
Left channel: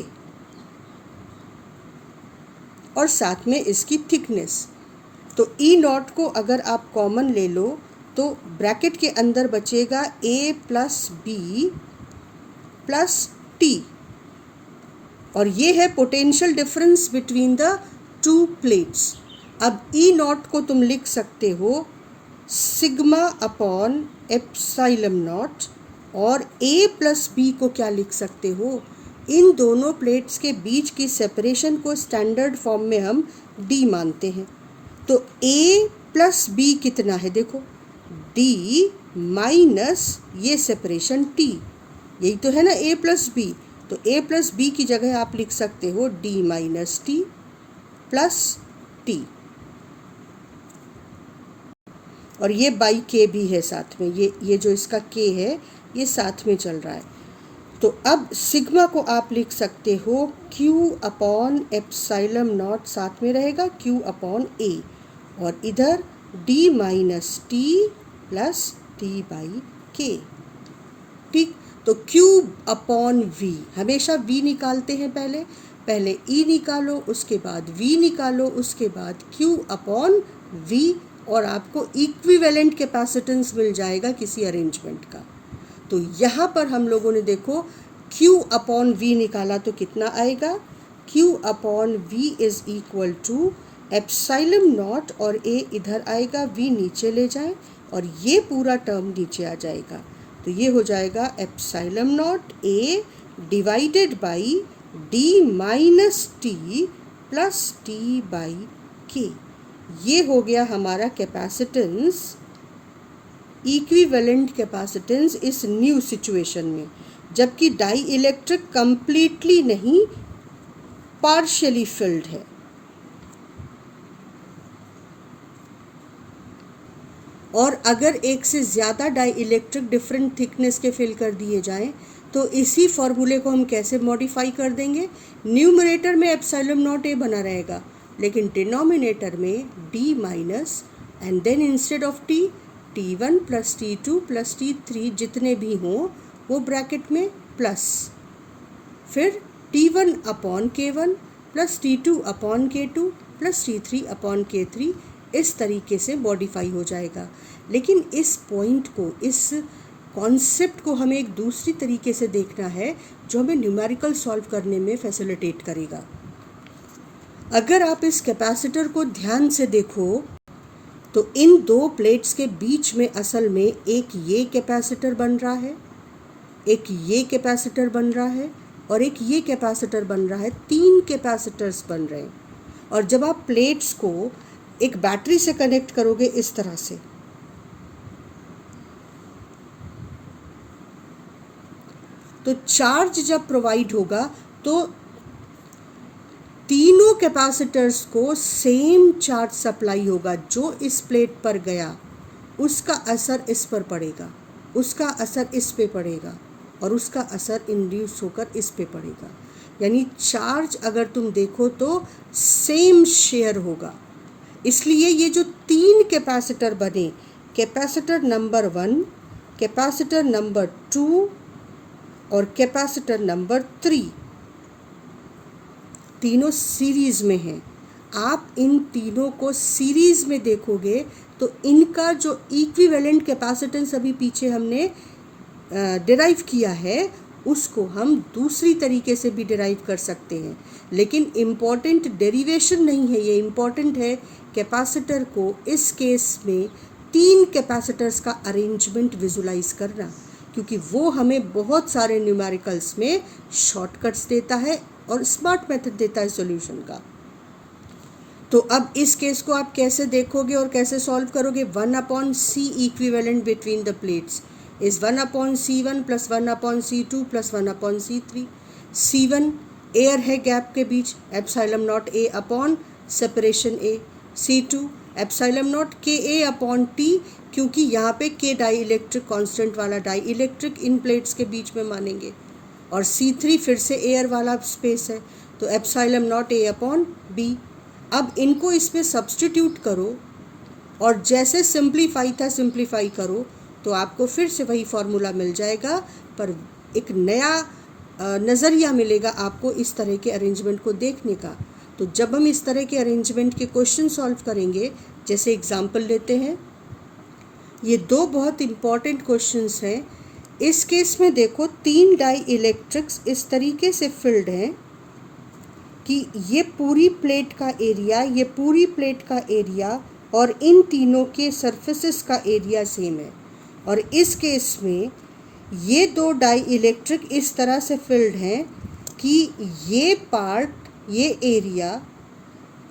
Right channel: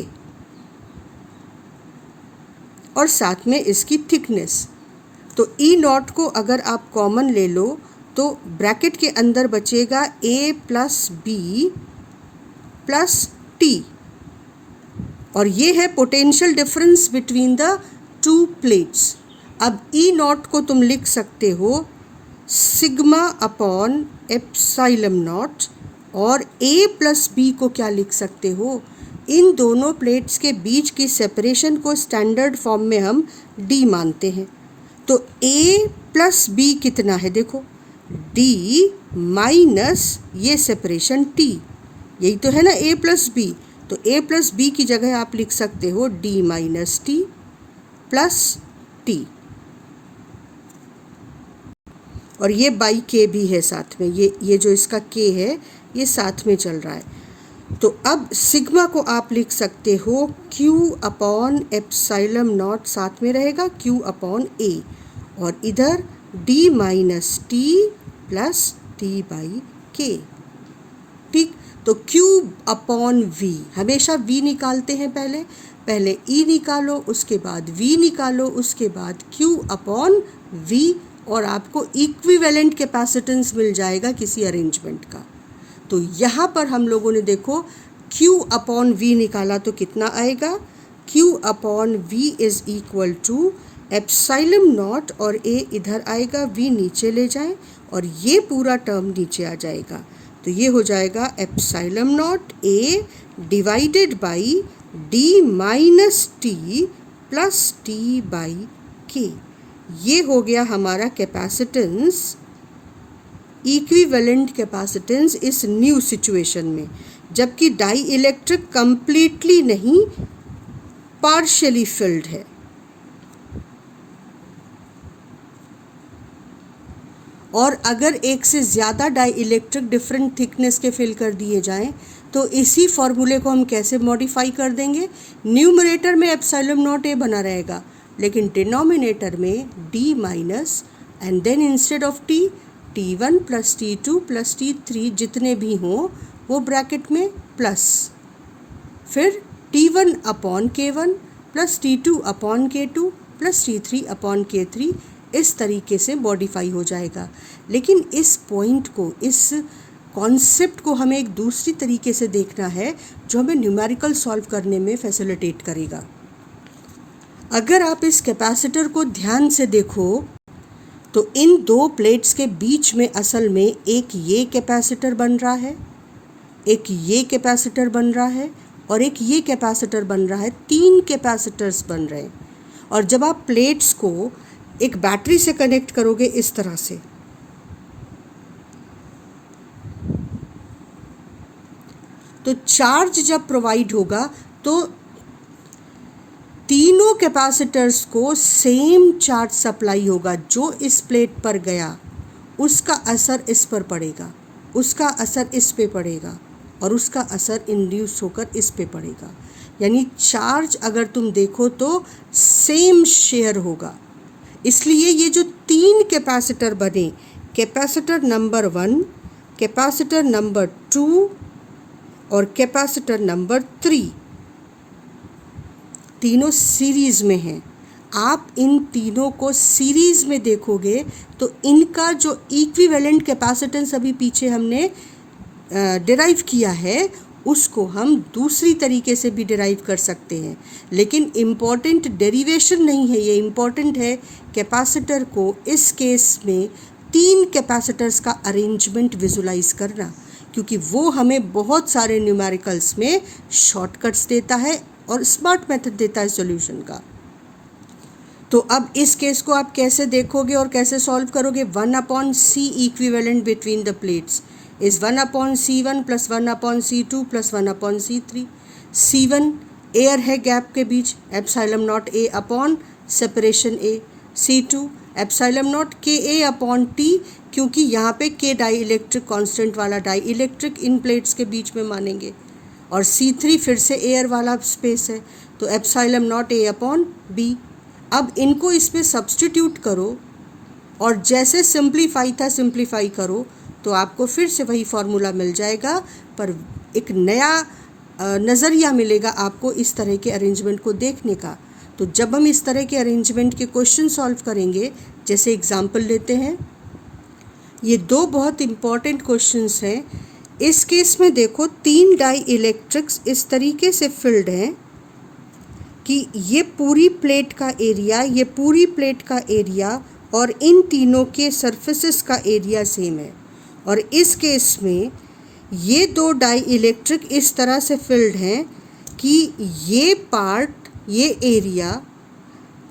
और साथ में इसकी थिकनेस। तो ई नॉट को अगर आप कॉमन ले लो तो ब्रैकेट के अंदर बचेगा ए प्लस बी प्लस टी, और ये है potential difference between the two plates. अब ई नॉट को तुम लिख सकते हो सिग्मा अपॉन एप्सिलॉन नॉट, और ए प्लस बी को क्या लिख सकते हो, इन दोनों प्लेट्स के बीच की सेपरेशन को स्टैंडर्ड फॉर्म में हम डी मानते हैं। तो ए प्लस बी कितना है, देखो डी माइनस ये सेपरेशन टी, यही तो है ना ए प्लस बी। तो ए प्लस बी की जगह आप लिख सकते हो D minus T plus T, और ये बाई के भी है साथ में, ये जो इसका के है ये साथ में चल रहा है। तो अब सिग्मा को आप लिख सकते हो Q अपॉन एप्सिलॉन नॉट, साथ में रहेगा Q अपॉन ए, और इधर D minus T plus T by के। ठीक, तो Q अपॉन V, हमेशा V निकालते हैं पहले E निकालो, उसके बाद V निकालो, उसके बाद Q अपॉन V, और आपको इक्विवेलेंट कैपेसिटेंस मिल जाएगा किसी अरेंजमेंट का। तो यहाँ पर हम लोगों ने देखो Q अपॉन V निकाला तो कितना आएगा, Q upon V is equal to epsilon nought, और A इधर आएगा, V नीचे ले जाए और ये पूरा टर्म नीचे आ जाएगा। तो ये हो जाएगा epsilon naught A divided by D minus T plus T by के। ये हो गया हमारा कैपेसिटेंस, इक्विवेलेंट कैपेसिटेंस इस न्यू सिचुएशन में, जबकि डाई इलेक्ट्रिक कंप्लीटली नहीं पार्शियली फिल्ड है। और अगर एक से ज़्यादा डाई इलेक्ट्रिक डिफरेंट थिकनेस के फिल कर दिए जाएं तो इसी फॉर्मूले को हम कैसे मॉडिफाई कर देंगे, न्यूमरेटर में एप्सिलॉन नॉट ए बना रहेगा, लेकिन डिनोमिनेटर में d minus and then instead of t t1 plus t2 plus t3 जितने भी हों वो ब्रैकेट में प्लस, फिर t1 upon k1 plus t2 upon k2 plus t3 upon k3 इस तरीके से मॉडिफाई हो जाएगा। लेकिन इस पॉइंट को, इस कॉन्सेप्ट को हमें एक दूसरी तरीके से देखना है जो हमें न्यूमेरिकल सॉल्व करने में फैसिलिटेट करेगा। अगर आप इस कैपेसिटर को ध्यान से देखो तो इन दो प्लेट्स के बीच में असल में एक ये कैपेसिटर बन रहा है, एक ये कैपेसिटर बन रहा है और एक ये कैपेसिटर बन रहा है। 3 कैपेसिटर्स बन रहे हैं। और जब आप प्लेट्स को एक बैटरी से कनेक्ट करोगे इस तरह से, तो चार्ज जब प्रोवाइड होगा तो तीनों कैपेसिटर्स को सेम चार्ज सप्लाई होगा। जो इस प्लेट पर गया उसका असर इस पर पड़ेगा, उसका असर इस पे पड़ेगा और उसका असर इंड्यूस होकर इस पे पड़ेगा। यानी चार्ज अगर तुम देखो तो सेम शेयर होगा। इसलिए ये जो 3 कैपेसिटर बने, कैपेसिटर नंबर 1, कैपेसिटर नंबर 2 और कैपेसिटर नंबर 3, तीनों सीरीज में हैं। आप इन तीनों को सीरीज में देखोगे तो इनका जो इक्विवेलेंट कैपेसिटेंस अभी पीछे हमने डिराइव किया है उसको हम दूसरी तरीके से भी डिराइव कर सकते हैं। लेकिन इम्पॉर्टेंट डेरिवेशन नहीं है, ये इम्पॉर्टेंट है कैपेसिटर को इस केस में 3 कैपेसिटर्स का अरेंजमेंट विजुलाइज करना, क्योंकि वो हमें बहुत सारे न्यूमेरिकल्स में शॉर्टकट्स देता है और स्मार्ट मेथड देता है सॉल्यूशन का। तो अब इस केस को आप कैसे देखोगे और कैसे सॉल्व करोगे? 1/c equivalent between the plates is 1/c1 plus 1/c2 plus 1/c3। c1 air है गैप के बीच, epsilon naught a upon separation a। c2 epsilon naught ka upon t, क्योंकि यहाँ पे k डाई इलेक्ट्रिक कॉन्स्टेंट वाला dielectric इन plates के बीच में मानेंगे। और c3 फिर से एयर वाला स्पेस है, तो epsilon naught a upon b। अब इनको इसमें सब्स्टिट्यूट करो और जैसे सिंप्लीफाई था सिंप्लीफाई करो तो आपको फिर से वही फॉर्मूला मिल जाएगा, पर एक नया नज़रिया मिलेगा आपको इस तरह के अरेंजमेंट को देखने का। तो जब हम इस तरह के अरेंजमेंट के क्वेश्चन सॉल्व करेंगे, जैसे एग्जाम्पल लेते हैं, ये 2 बहुत इम्पॉर्टेंट क्वेश्चंस हैं। इस केस में देखो 3 डाई इलेक्ट्रिक्स इस तरीके से फिल्ड हैं कि ये पूरी प्लेट का एरिया, ये पूरी प्लेट का एरिया और इन तीनों के सरफेसेस का एरिया सेम है। और इस केस में ये 2 डाई इलेक्ट्रिक इस तरह से फिल्ड हैं कि ये पार्ट, ये एरिया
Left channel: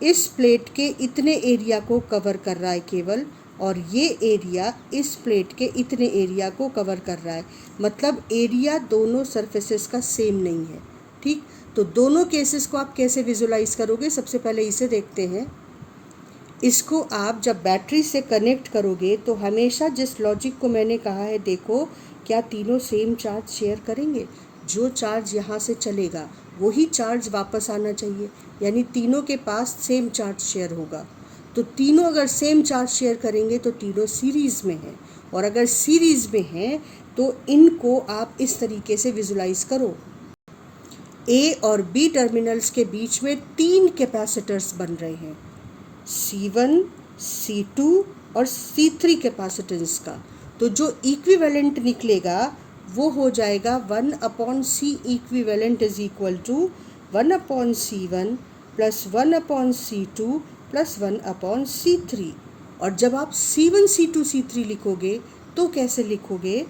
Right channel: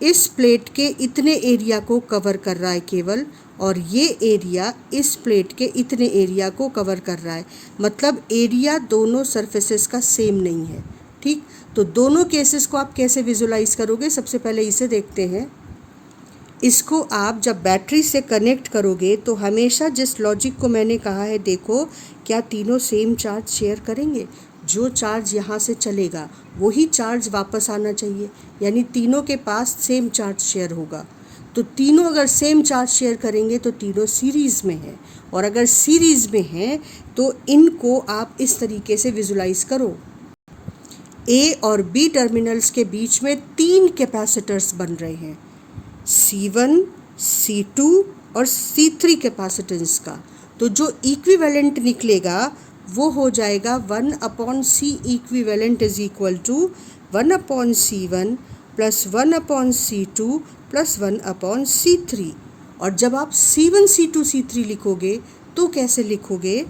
इस प्लेट के इतने एरिया को कवर कर रहा है केवल, और ये एरिया इस प्लेट के इतने एरिया को कवर कर रहा है। मतलब एरिया दोनों सरफेसेस का सेम नहीं है। ठीक, तो दोनों केसेस को आप कैसे विजुलाइज करोगे? सबसे पहले इसे देखते हैं। इसको आप जब बैटरी से कनेक्ट करोगे तो हमेशा जिस लॉजिक को मैंने कहा है, देखो क्या तीनों सेम चार्ज शेयर करेंगे? जो चार्ज यहाँ से चलेगा वही चार्ज वापस आना चाहिए, यानी तीनों के पास सेम चार्ज शेयर होगा। तो तीनों अगर सेम चार्ज शेयर करेंगे तो तीनों सीरीज़ में हैं, और अगर सीरीज़ में हैं तो इनको आप इस तरीके से विजुलाइज करो। A और B टर्मिनल्स के बीच में 3 कैपेसिटर्स बन रहे हैं, C1, C2 और C3 कैपेसिटेंस का। तो जो इक्विवेलेंट निकलेगा वो हो जाएगा 1/c equivalent is equal to 1/c1 plus 1/c2 plus 1/c3। और जब आप C1, C2, C3 लिखोगे तो कैसे लिखोगे?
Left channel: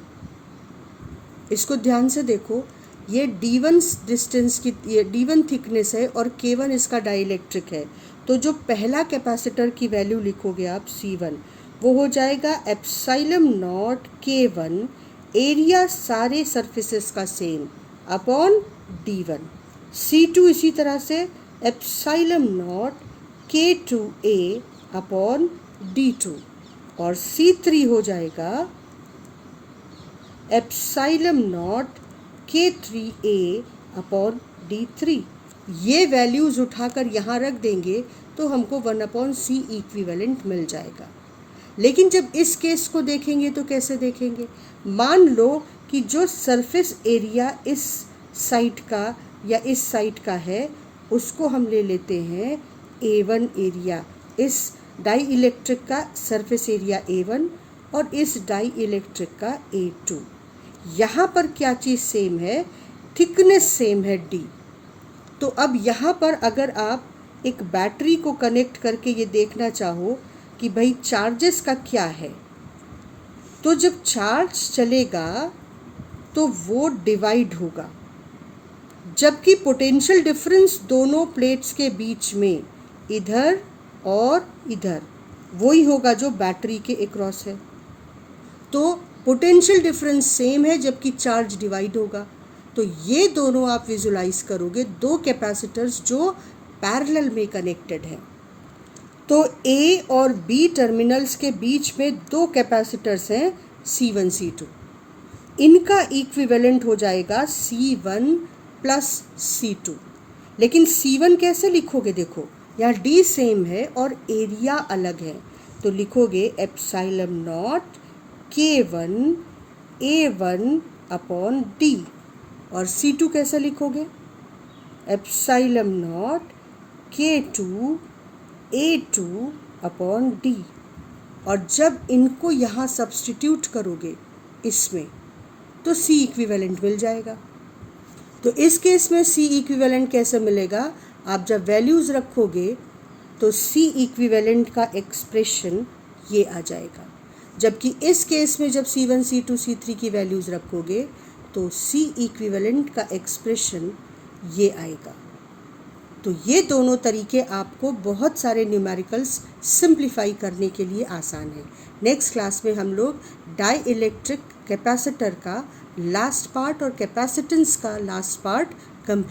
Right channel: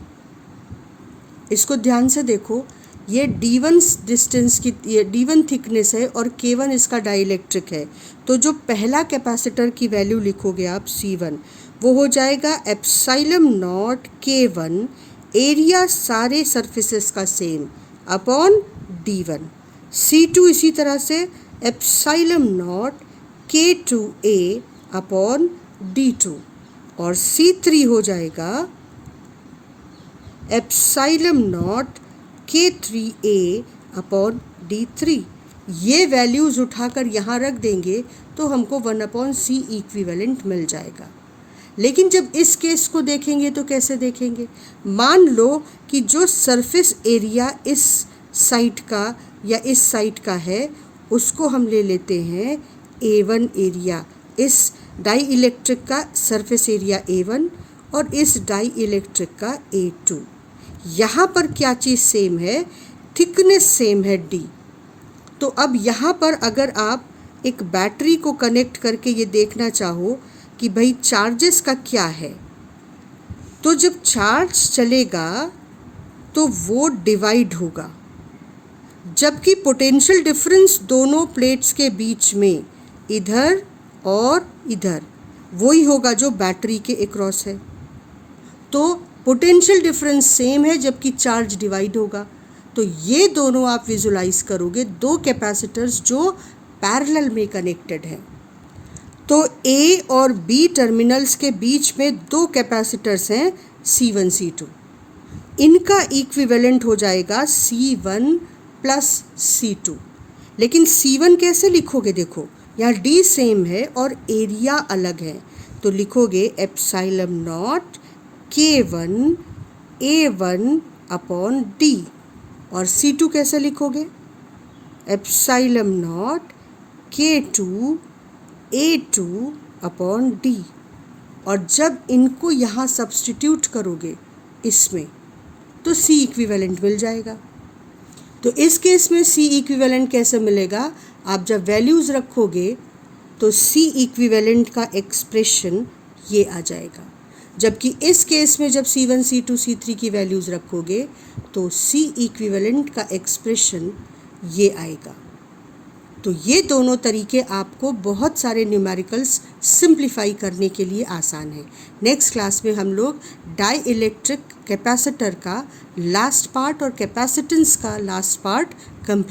इसको ध्यान से देखो। ये D1 डिस्टेंस की, ये D1 थिकनेस है और K1 इसका डाइलेक्ट्रिक है। तो जो पहला कैपेसिटर की वैल्यू लिखोगे आप C1, वो हो जाएगा एप्सिलॉन नॉट K1, एरिया सारे सरफेसेस का सेम, अपॉन D1। C2 इसी तरह से epsilon not K2A upon D2। और C3 हो जाएगा epsilon not K3A upon D3। ये वैल्यूज़ उठाकर यहाँ रख देंगे तो हमको 1/c इक्विवेलेंट मिल जाएगा। लेकिन जब इस केस को देखेंगे तो कैसे देखेंगे? मान लो कि जो सरफेस एरिया इस साइड का या इस साइड का है उसको हम ले लेते हैं A1 एरिया, इस डाई इलेक्ट्रिक का सरफेस एरिया A1 और इस डाई इलेक्ट्रिक का A2। यहाँ पर क्या चीज़ सेम है, थिकनेस सेम है D। तो अब यहाँ पर अगर आप एक बैटरी को कनेक्ट करके ये देखना चाहो कि भाई चार्जेस का क्या है, तो जब चार्ज चलेगा तो वो डिवाइड होगा, जबकि पोटेंशियल डिफरेंस दोनों प्लेट्स के बीच में इधर और इधर वही होगा जो बैटरी के अक्रॉस है। तो पोटेंशियल डिफरेंस सेम है जबकि चार्ज डिवाइड होगा। तो ये दोनों आप विजुलाइज करोगे, दो कैपेसिटर्स जो पैरेलल में कनेक्टेड हैं। तो A और B टर्मिनल्स के बीच में दो कैपेसिटर्स हैं C1 C2, इनका इक्विवेलेंट हो जाएगा C1 प्लस C2। लेकिन C1 कैसे लिखोगे, देखो यहाँ D सेम है और एरिया अलग है, तो लिखोगे epsilon not K1 A1 upon D। और C2 कैसे लिखोगे, epsilon not K2 A2 upon D। और जब इनको यहाँ सब्स्टिट्यूट करोगे इसमें, तो C इक्विवेलेंट मिल जाएगा। तो इस केस में C इक्विवेलेंट कैसे मिलेगा, आप जब वैल्यूज़ रखोगे तो C इक्विवेलेंट का एक्सप्रेशन ये आ जाएगा, जबकि इस केस में जब C1 C2 C3 की वैल्यूज़ रखोगे तो C इक्विवेलेंट का एक्सप्रेशन ये आएगा। तो ये दोनों तरीके आपको बहुत सारे न्यूमेरिकल्स सिंप्लीफाई करने के लिए आसान है। नेक्स्ट क्लास में हम लोग डाई इलेक्ट्रिक कैपेसिटर का लास्ट पार्ट और कैपेसिटेंस का लास्ट पार्ट कंप्लीट